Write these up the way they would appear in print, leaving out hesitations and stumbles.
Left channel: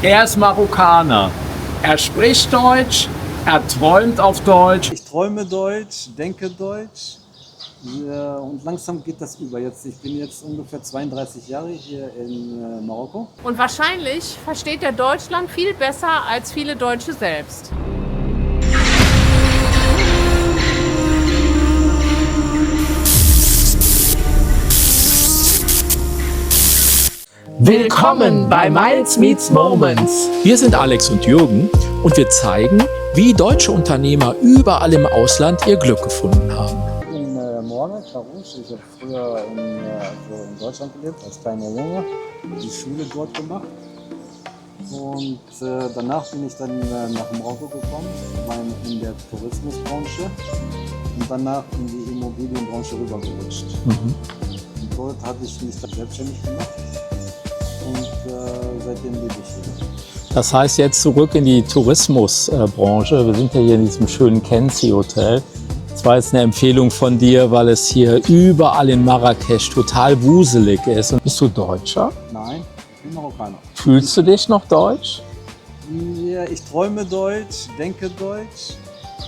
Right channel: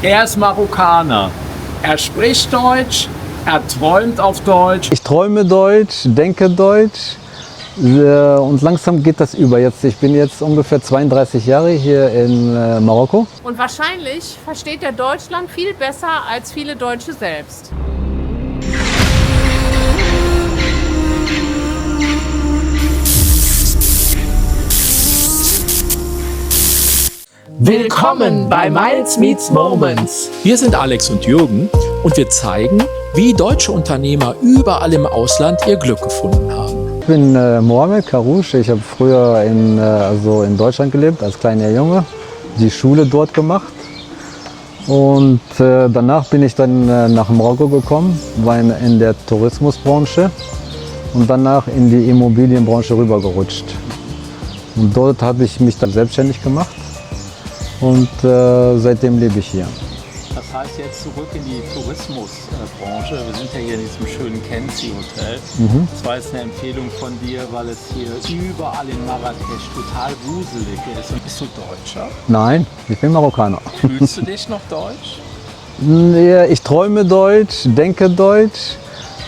Er ist Marokkaner. Er spricht Deutsch, er träumt auf Deutsch. Ich träume Deutsch, denke Deutsch und langsam geht das über. Ich bin jetzt ungefähr 32 Jahre hier in Marokko. Und wahrscheinlich versteht er Deutschland viel besser als viele Deutsche selbst. Willkommen bei Miles Meets Moments. Wir sind Alex und Jürgen und wir zeigen, wie deutsche Unternehmer überall im Ausland ihr Glück gefunden haben. Ich bin Mohamed Karouche. Ich habe früher in Deutschland gelebt, als kleiner Junge, die Schule dort gemacht. Und danach bin ich dann nach Marokko gekommen, war in der Tourismusbranche und danach in die Immobilienbranche rübergerutscht. Und dort habe ich mich dann selbstständig gemacht. Und seitdem lebe ich hier. Das heißt jetzt zurück in die Tourismusbranche. Wir sind ja hier in diesem schönen Kenzi Hotel. Das war jetzt eine Empfehlung von dir, weil es hier überall in Marrakesch total wuselig ist. Und bist du Deutscher? Nein, ich bin Marokkaner. Fühlst du dich noch deutsch? Ja, ich träume Deutsch, denke Deutsch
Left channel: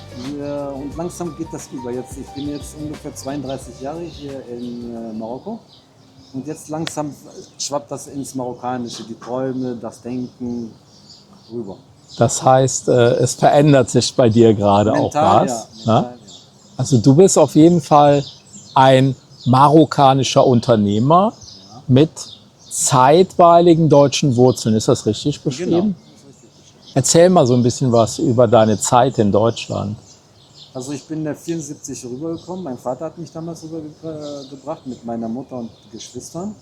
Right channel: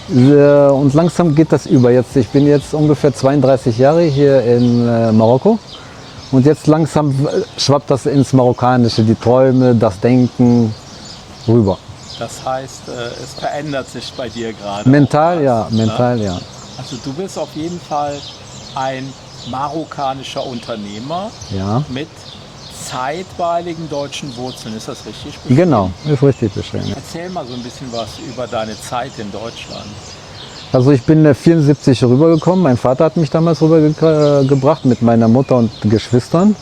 und langsam geht das über. Ich bin jetzt ungefähr 32 Jahre hier in Marokko. Und jetzt langsam schwappt das ins Marokkanische, die Träume, das Denken rüber. Das heißt, es verändert sich bei dir gerade Mental, auch was, ja, mental, ne? ja. Also du bist auf jeden Fall ein marokkanischer Unternehmer Ja. mit zeitweiligen deutschen Wurzeln. Ist das richtig beschrieben? Genau, ist richtig beschrieben. Erzähl mal so ein bisschen was über deine Zeit in Deutschland. Also ich bin 1974 rübergekommen. Mein Vater hat mich damals rübergebracht mit meiner Mutter und Geschwistern.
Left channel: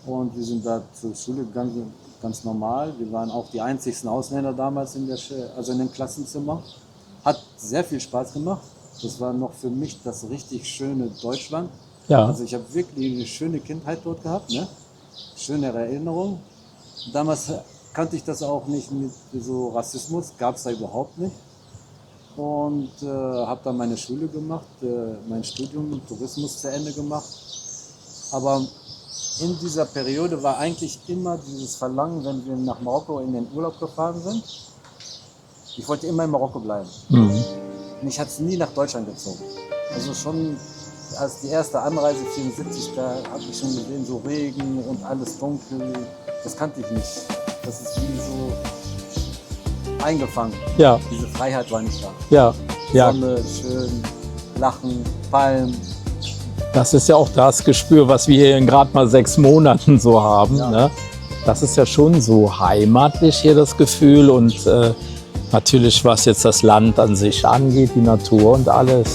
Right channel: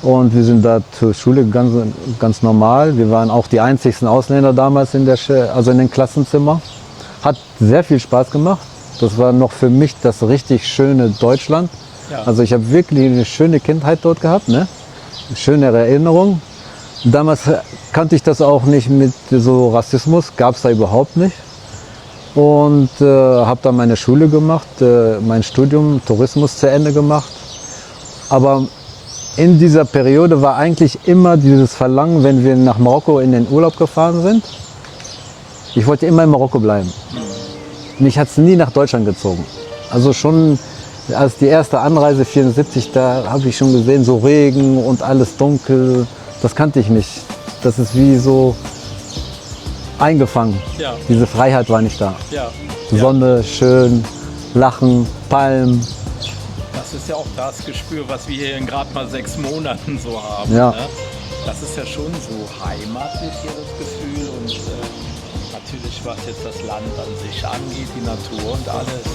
Und wir sind da zur Schule gegangen, ganz normal. Wir waren auch die einzigsten Ausländer damals in den Klassenzimmern. Hat sehr viel Spaß gemacht. Das war noch für mich das richtig schöne Deutschland. Ja. Also ich habe wirklich eine schöne Kindheit dort gehabt, ne? Schöne Erinnerungen. Damals kannte ich das auch nicht mit so Rassismus, gab es da überhaupt nicht. Und habe dann meine Schule gemacht, mein Studium Tourismus zu Ende gemacht. Aber in dieser Periode war eigentlich immer dieses Verlangen, wenn wir nach Marokko in den Urlaub gefahren sind. Ich wollte immer in Marokko bleiben. Mich hat es nie nach Deutschland gezogen. Also schon als die erste Anreise 1974, da habe ich schon gesehen, so Regen und alles dunkel. Das kannte ich nicht. Das ist wie so eingefangen. Ja. Diese Freiheit war nicht da. Ja. Sonne, schön, Lachen, Palmen. Das ist ja auch das Gespür, was wir hier in gerade mal 6 Monaten so haben. Ja. Ne? Das ist ja schon so heimatlich hier das Gefühl und natürlich, was jetzt das Land an sich angeht, die Natur und alles,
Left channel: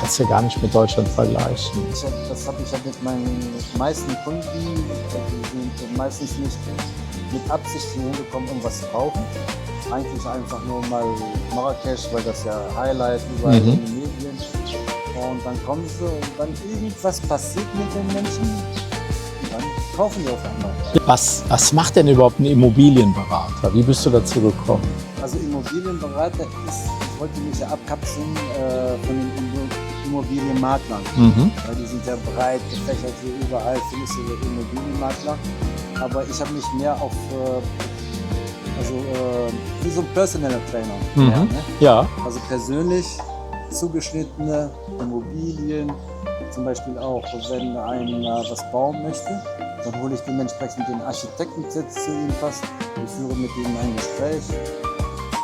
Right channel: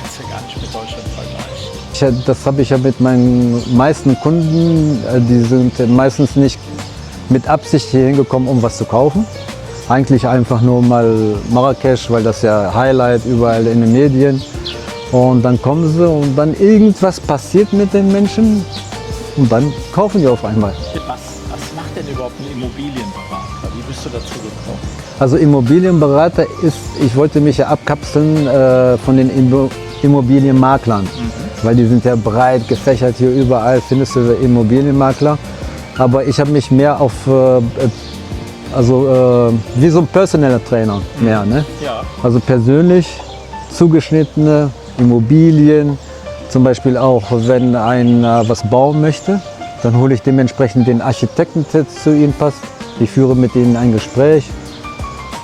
kannst du ja gar nicht mit Deutschland vergleichen. Das habe ich ja mit meinen meisten Kunden, die sind meistens nicht mit Absicht hier hingekommen, um was zu kaufen. Eigentlich einfach nur mal Marrakesch, weil das ja Highlight überall in den Medien. Und dann kommen sie und dann irgendwas passiert mit den Menschen und dann kaufen die auf einmal. Was macht denn überhaupt ein Immobilienberater? Wie bist du dazu gekommen? Also Immobilienberater ist, ich wollte mich ja abkapseln von den Immobilienmaklern. Weil die sind ja breit gefächert, hier überall findest du Immobilienmakler. Aber ich habe mich mehr auf wie so ein Personal Trainer mehr, ne? Ja. Also persönlich zugeschnittene Immobilien, zum Beispiel auch, wenn einer was bauen möchte, dann hole ich dementsprechend den Architekten, der zu ihm passt. Ich führe mit ihnen ein Gespräch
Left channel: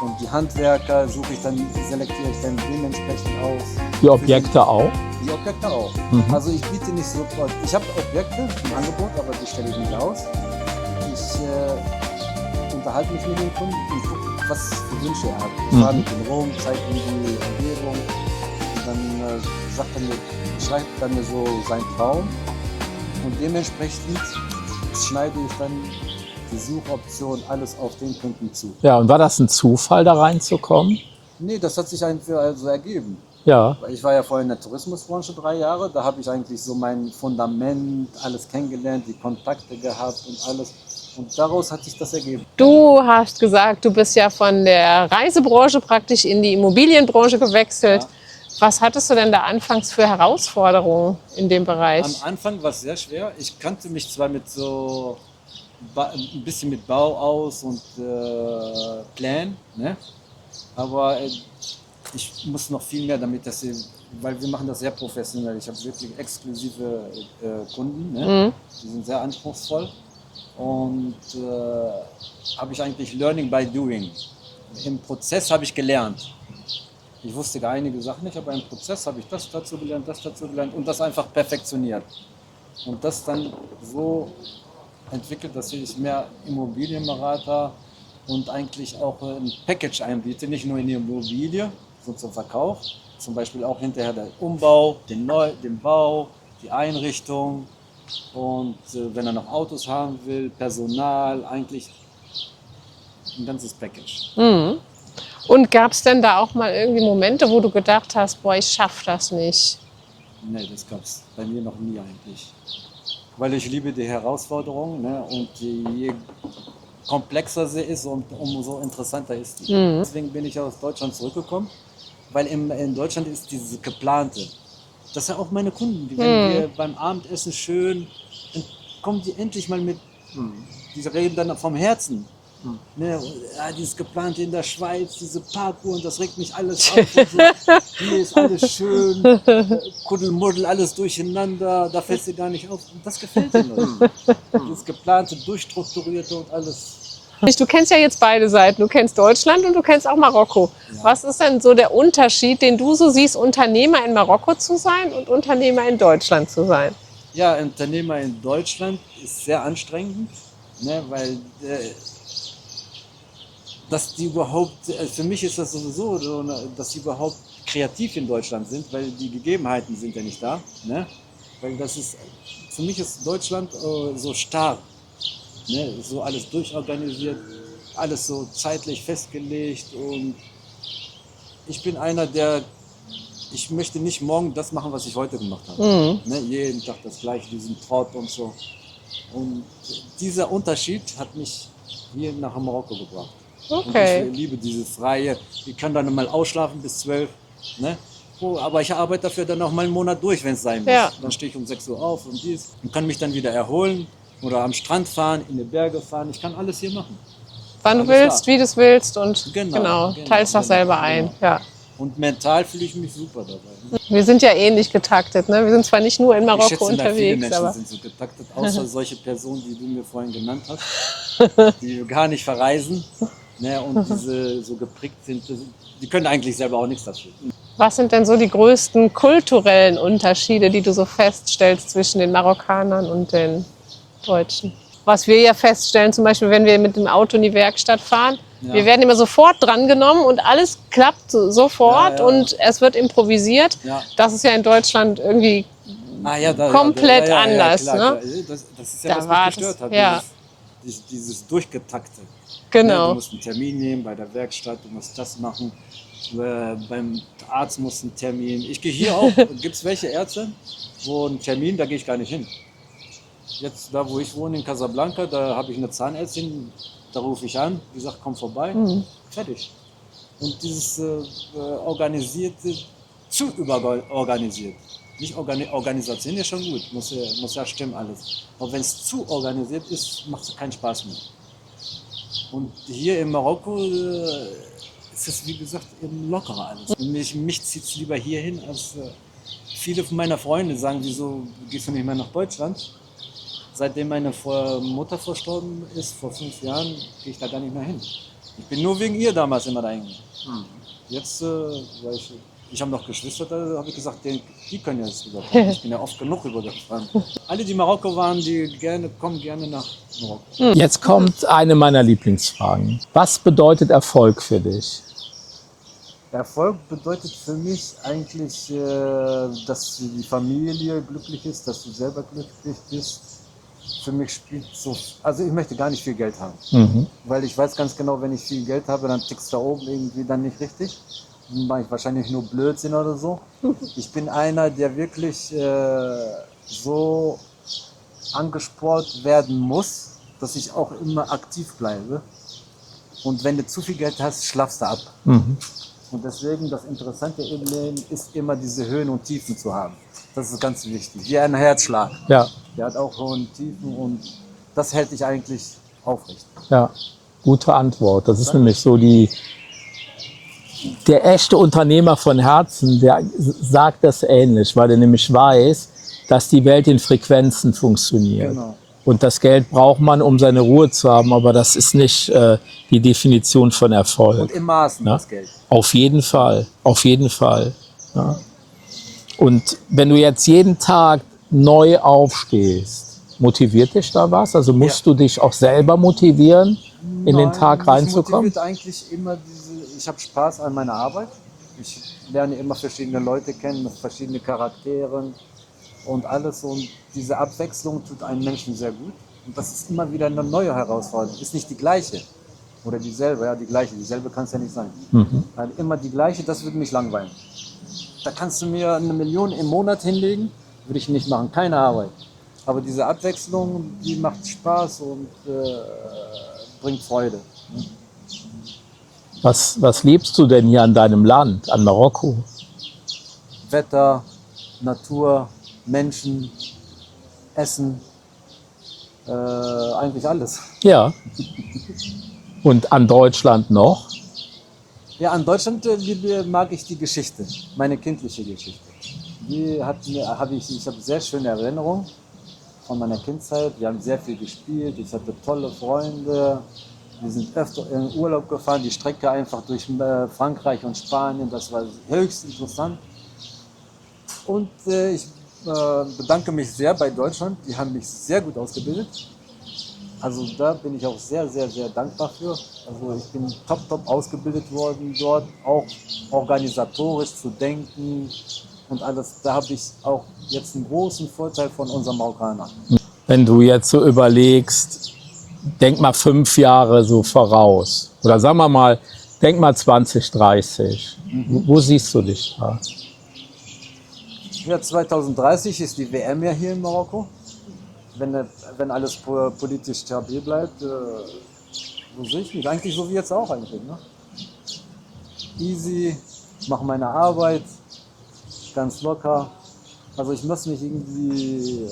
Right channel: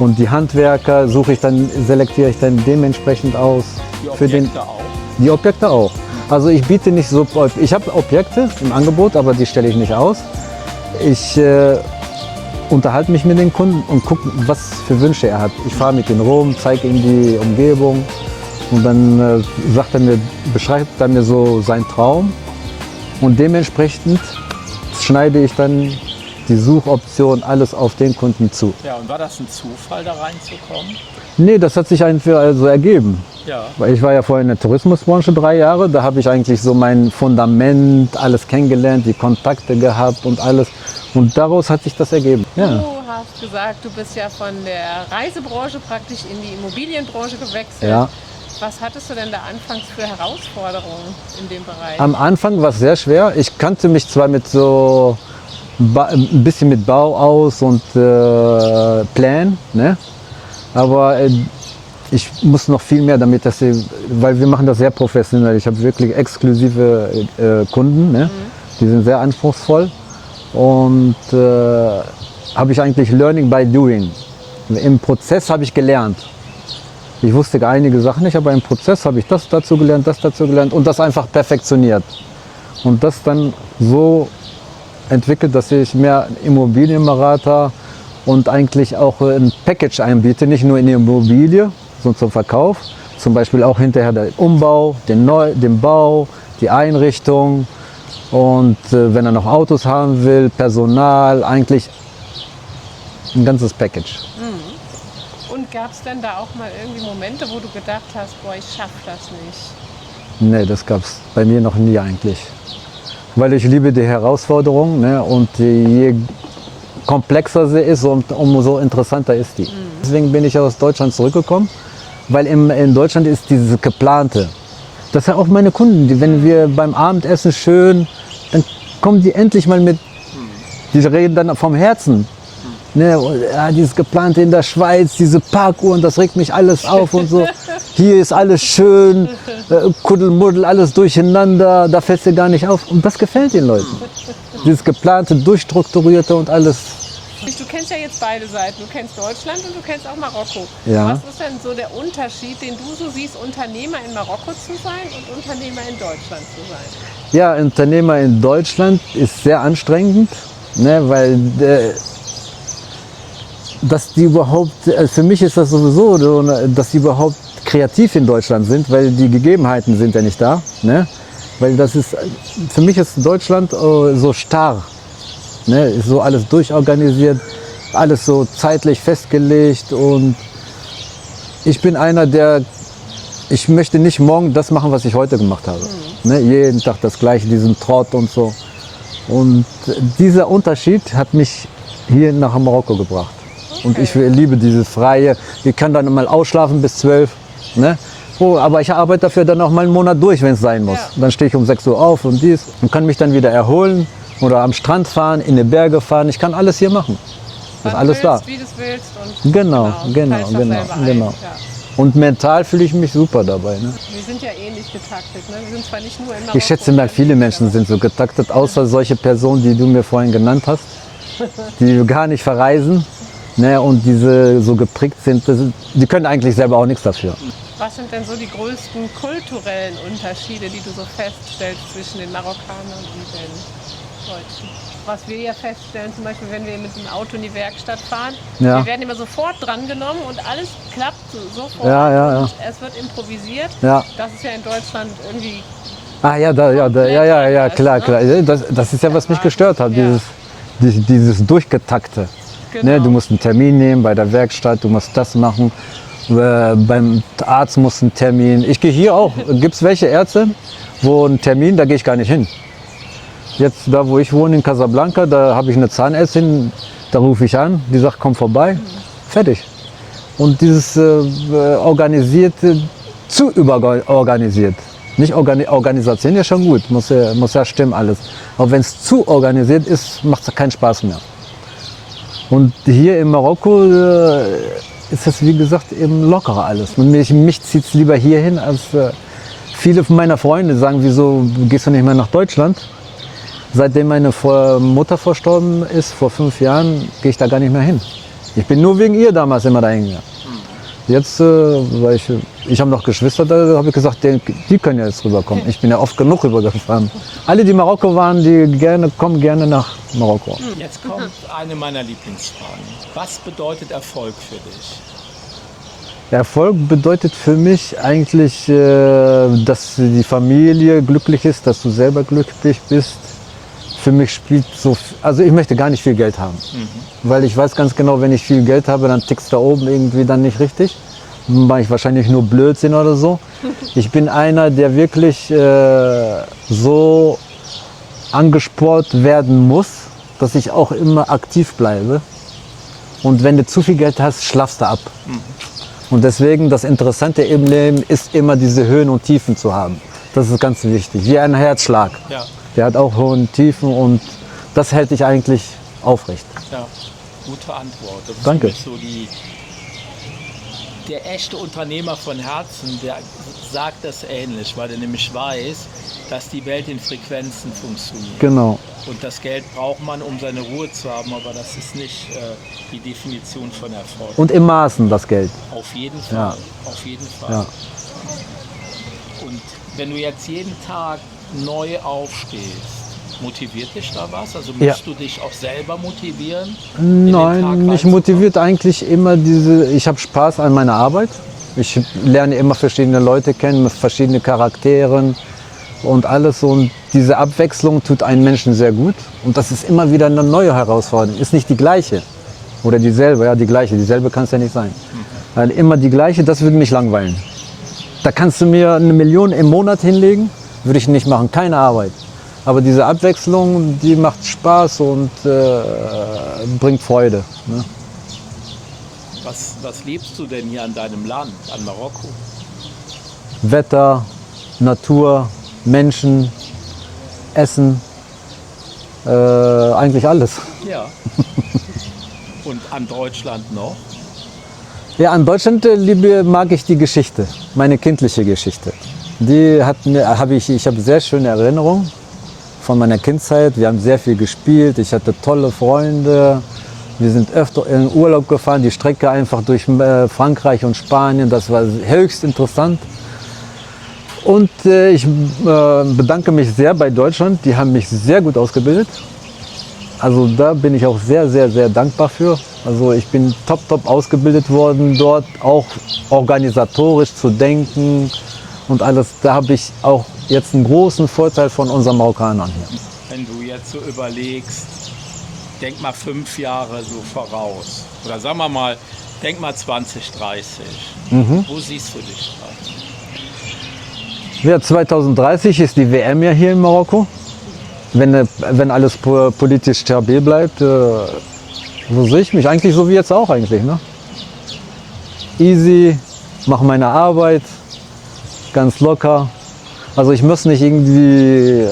und die Handwerker selektiere ich dann dementsprechend aus. Die Objekte auch? Die Objekte auch. Also ich biete nicht so, ich habe Objekte im Angebot, aber die stelle ich nicht aus. Ich unterhalte mich mit den Kunden und gucke, was für Wünsche er hat. Ich fahre mit ihm rum, zeige ihm die Umgebung und dann beschreibt er mir so seinen Traum und dementsprechend schneide ich dann die Suchoption alles auf den Kunden zu. Ja, und war das ein Zufall, da reinzukommen? Nee, das hat sich einfach so ergeben. Ja. Weil ich war ja vorher in der Tourismusbranche 3 Jahre, da habe ich eigentlich so mein Fundament, alles kennengelernt, die Kontakte gehabt und alles. Und daraus hat sich das ergeben. Du hast gesagt, du bist ja von der Reisebranche praktisch in die Immobilienbranche gewechselt. Ja. Was hattest du denn da anfangs für Herausforderungen in dem Bereich? Am Anfang war es sehr schwer. Ich kannte mich zwar mit so ein bisschen mit Bau aus und Plan, ne? Aber ich muss noch viel mehr damit, weil wir machen das sehr professionell. Ich habe wirklich exklusive Kunden, ne? Die sind sehr anspruchsvoll und habe ich eigentlich Learning by Doing. Im Prozess habe ich gelernt. Ich wusste einige Sachen nicht, aber im Prozess habe ich das dazu gelernt und das einfach perfektioniert. Und das dann so entwickelt, dass ich mehr Immobilienberater und eigentlich auch ein Package einbiete, nicht nur in die Immobilie, sondern zum Verkauf. Zum Beispiel auch hinterher der Umbau, den Bau, die Einrichtung und wenn er noch Autos haben will, Personal, eigentlich ein ganzes Package. Und gab es denn da auch mal irgendwie Momente, wo du gedacht hast, boah, ich schaff das nicht? Nee, das gab es bei mir noch nie eigentlich. Weil ich liebe die Herausforderung, ne? Und je komplexer sie ist, umso interessanter ist die. Deswegen bin ich aus Deutschland zurückgekommen, weil in Deutschland ist dieses Geplante. Das sind auch meine Kunden, wenn wir beim Abendessen schön, dann kommen die endlich mal die reden dann vom Herzen. Ne, ja, dieses Geplante in der Schweiz, diese Parkuhren, das regt mich alles auf und so. Hier ist alles schön, Kuddelmuddel, alles durcheinander, da fällt es dir gar nicht auf. Und das gefällt den Leuten. Dieses Geplante, Durchstrukturierte und alles. Du kennst ja jetzt beide Seiten. Du kennst Deutschland und du kennst auch Marokko. Ja. Was ist denn so der Unterschied, den du so siehst, Unternehmer in Marokko zu sein und Unternehmer in Deutschland zu sein? Ja, Unternehmer in Deutschland ist sehr anstrengend, ne, weil dass die überhaupt, für mich ist das sowieso so, dass die überhaupt kreativ in Deutschland sind, weil die Gegebenheiten sind ja nicht da. Ne? Weil das ist, für mich ist Deutschland so starr. Ne? Ist so alles durchorganisiert, alles so zeitlich festgelegt und ich bin einer, ich möchte nicht morgen das machen, was ich heute gemacht habe. Ne? Jeden Tag das Gleiche, diesen Trott und so. Und dieser Unterschied hat mich hier nach Marokko gebracht. Okay. Und ich liebe dieses Freie. Ich kann dann mal ausschlafen bis 12. Ne? Aber ich arbeite dafür dann auch mal einen Monat durch, wenn es sein muss. Ja. Dann stehe ich um 6 Uhr auf und dies und kann mich dann wieder erholen oder am Strand fahren, in die Berge fahren. Ich kann alles hier machen. Wann alles willst, da. wie du es willst und teilst das selber ein. Genau. Ja. Und mental fühle ich mich super dabei. Ne? Wir sind ja ähnlich getaktet. Ne? Wir sind zwar nicht nur in Marokko Ich schätze mal, viele unterwegs, Menschen sind so getaktet, außer solche Personen, die du mir vorhin genannt hast, die gar nicht verreisen. Ne, und diese so geprägt sind, die können eigentlich selber auch nichts dafür. Was sind denn so die größten kulturellen Unterschiede, die du so feststellst zwischen den Marokkanern und den Deutschen? Was wir ja feststellen, zum Beispiel, wenn wir mit dem Auto in die Werkstatt fahren, Ja. wir werden immer sofort drangenommen und alles klappt sofort Ja. und es wird improvisiert. Ja. Das ist ja in Deutschland irgendwie Komplett anders, klar, ne? klar. Das ist ja, Da was mich war's. gestört hat, Ja. dieses Durchgetakte. Genau. Ne, du musst einen Termin nehmen bei der Werkstatt, du musst das machen. Beim Arzt musst du einen Termin. Ich gehe hier auch, gibt es welche Ärzte, wo ein Termin, da gehe ich gar nicht hin. Jetzt da, wo ich wohne in Casablanca, da habe ich eine Zahnärztin, da rufe ich an, die sagt, komm vorbei, fertig. Und dieses organisierte, zu überorganisiert. Nicht Organisation ist schon gut, muss ja stimmen alles. Aber wenn es zu organisiert ist, macht es keinen Spaß mehr. Und hier in Marokko ist es, wie gesagt, eben lockerer alles. Und mich zieht es lieber hierhin, als viele meiner Freunde sagen, wieso gehst du nicht mehr nach Deutschland? Seitdem meine Mutter verstorben ist, vor 5 Jahren, gehe ich da gar nicht mehr hin. Ich bin nur wegen ihr damals immer dahin gegangen. Jetzt, weil ich habe noch Geschwister, da habe ich gesagt, die können ja jetzt rüberkommen. Ich bin ja oft genug rübergefahren. Alle, die Marokko waren, kommen gerne nach Marokko. Jetzt kommt eine meiner Lieblingsfragen. Was bedeutet Erfolg für dich? Erfolg bedeutet für mich eigentlich, dass die Familie glücklich ist, dass du selber glücklich bist. Für mich spielt also ich möchte gar nicht viel Geld haben, weil ich weiß ganz genau, wenn ich viel Geld habe, dann tickst da oben irgendwie dann nicht richtig. Dann mache ich wahrscheinlich nur Blödsinn oder so. Ich bin einer, der wirklich so angespornt werden muss, dass ich auch immer aktiv bleibe. Und wenn du zu viel Geld hast, schlafst du ab. Und deswegen das Interessante im Leben ist immer diese Höhen und Tiefen zu haben. Das ist ganz wichtig, wie ein Herzschlag. Ja. Der hat auch hohe Tiefen und Das hält dich eigentlich aufrecht. Ja, gute Antwort. Das ist Danke. nämlich so der echte Unternehmer von Herzen, der sagt das ähnlich, weil er nämlich weiß, dass die Welt in Frequenzen funktioniert. Genau. Und das Geld braucht man, um seine Ruhe zu haben, aber das ist nicht die Definition von Erfolg. Und im Maßen das Geld. Auf jeden Fall, auf jeden Fall. Ja. Und wenn du jetzt jeden Tag neu aufstehst, motiviert dich da was? Also musst du dich auch selber motivieren, in den Tag Mich reinzukommen? motiviert eigentlich immer ich habe Spaß an meiner Arbeit. Ich lerne immer verschiedene Leute kennen, mit verschiedenen Charakteren und alles. Und diese Abwechslung tut einem Menschen sehr gut. Und das ist immer wieder eine neue Herausforderung. Ist nicht die gleiche. Oder dieselbe, ja, die gleiche. Dieselbe kann es ja nicht sein. Weil immer die gleiche, das würde mich langweilen. Da kannst du mir 1 Million im Monat hinlegen, würde ich nicht machen, keine Arbeit. Aber diese Abwechslung, die macht Spaß und bringt Freude. Ne? Was liebst du denn hier an deinem Land, an Marokko? Wetter, Natur, Menschen, Essen, eigentlich alles. Ja. Und an Deutschland noch? Ja, an Deutschland mag ich die Geschichte, meine kindliche Geschichte. Ich habe sehr schöne Erinnerungen von meiner Kindheit. Wir haben sehr viel gespielt, ich hatte tolle Freunde. Wir sind öfter in Urlaub gefahren, die Strecke einfach durch Frankreich und Spanien, das war höchst interessant. Und ich bedanke mich sehr bei Deutschland, die haben mich sehr gut ausgebildet. Also da bin ich auch sehr, sehr, sehr dankbar für. Also ich bin top ausgebildet worden dort, auch organisatorisch zu denken und alles. Da habe ich auch jetzt einen großen Vorteil von unseren Marokkanern hier. Wenn du jetzt so überlegst, denk mal 5 Jahre so voraus. Oder sagen wir mal, denk mal 2030. Wo siehst du dich da? Ja, 2030 ist die WM ja hier in Marokko. Wenn alles politisch stabil bleibt, wo sehe ich mich? Eigentlich so wie jetzt auch eigentlich. Ne? Easy, mache meine Arbeit, ganz locker. Also ich muss nicht irgendwie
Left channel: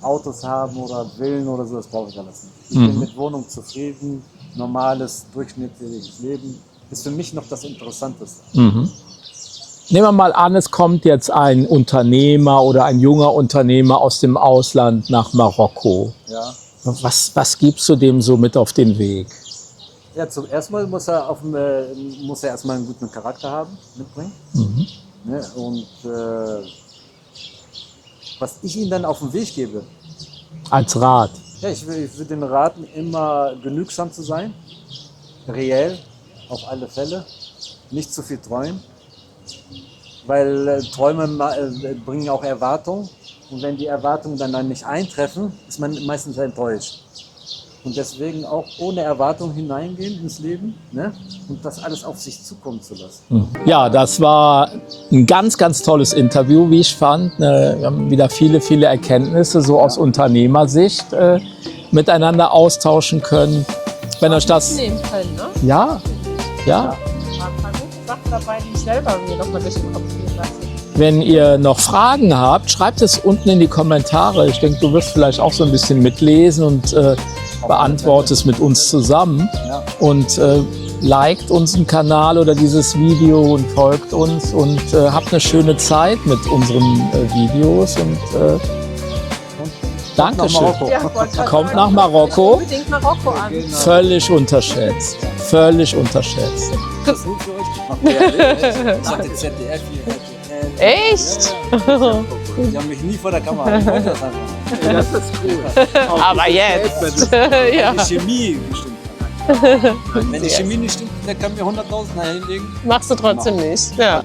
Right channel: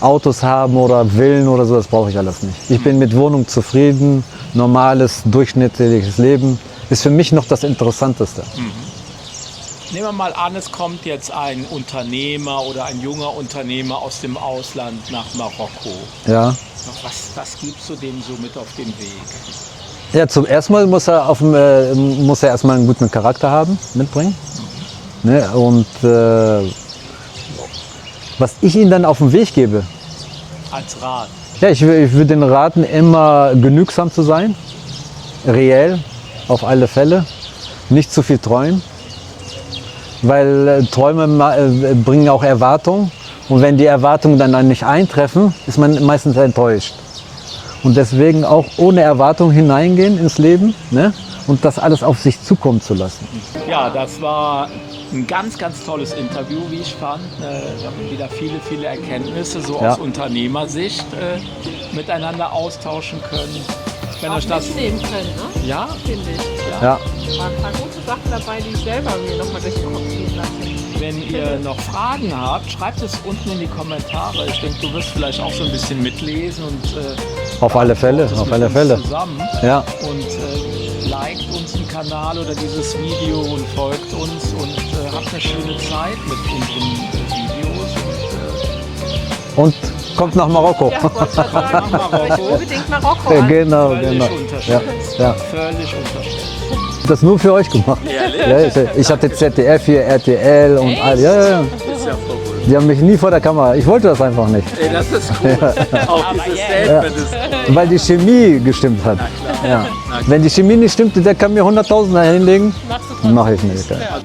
Autos haben oder Villen oder so, das brauche ich alles nicht. Ich bin mit Wohnung zufrieden, normales, durchschnittliches Leben. Ist für mich noch das Interessanteste. Nehmen wir mal an, es kommt jetzt ein Unternehmer oder ein junger Unternehmer aus dem Ausland nach Marokko. Ja. Was gibst du dem so mit auf den Weg? Ja, zum ersten Mal muss er erstmal einen guten Charakter haben, mitbringen. Ne? Und was ich ihm dann auf den Weg gebe, Als Rat. ja, ich würde den raten, immer genügsam zu sein, reell, auf alle Fälle, nicht zu viel träumen, weil Träume bringen auch Erwartungen und wenn die Erwartungen dann nicht eintreffen, ist man meistens enttäuscht. Und deswegen auch ohne Erwartung hineingehen ins Leben, ne? Und das alles auf sich zukommen zu lassen. Ja, das war ein ganz, ganz tolles Interview, wie ich fand. Wir haben wieder viele Erkenntnisse so aus Unternehmersicht miteinander austauschen können. Wenn euch das... Nehmen können, ne? Ja, ja. Ja. Da waren ein paar gute Sachen dabei, die ich selber mir noch mal durch den Kopf gehen lasse. Wenn ihr noch Fragen habt, schreibt es unten in die Kommentare. Ich denke, du wirst vielleicht auch so ein bisschen mitlesen und Auf alle Fälle, beantwortest auf mit alle uns Fälle. zusammen. Ja. Und liked unseren Kanal oder dieses Video und folgt uns und habt eine schöne Zeit mit unseren Videos. Und Und kommt nach Dankeschön. Marokko. kommt nach Marokko. Unbedingt Marokko Ja, an. genau, Völlig genau. unterschätzt. Ja. Völlig unterschätzt. Das nur für euch gemacht. Ja, ich hatte ZDF hier, RTL und Echt? all. Ja. Die haben mich nie vor der Kamera. Ich wollte das einfach nicht. Aber jetzt. Weil die Chemie gestimmt hat. Ja. Wenn die Chemie nicht stimmt, der kann mir 100.000 hinlegen. Machst du Mach trotzdem ich nicht. nicht, Ja.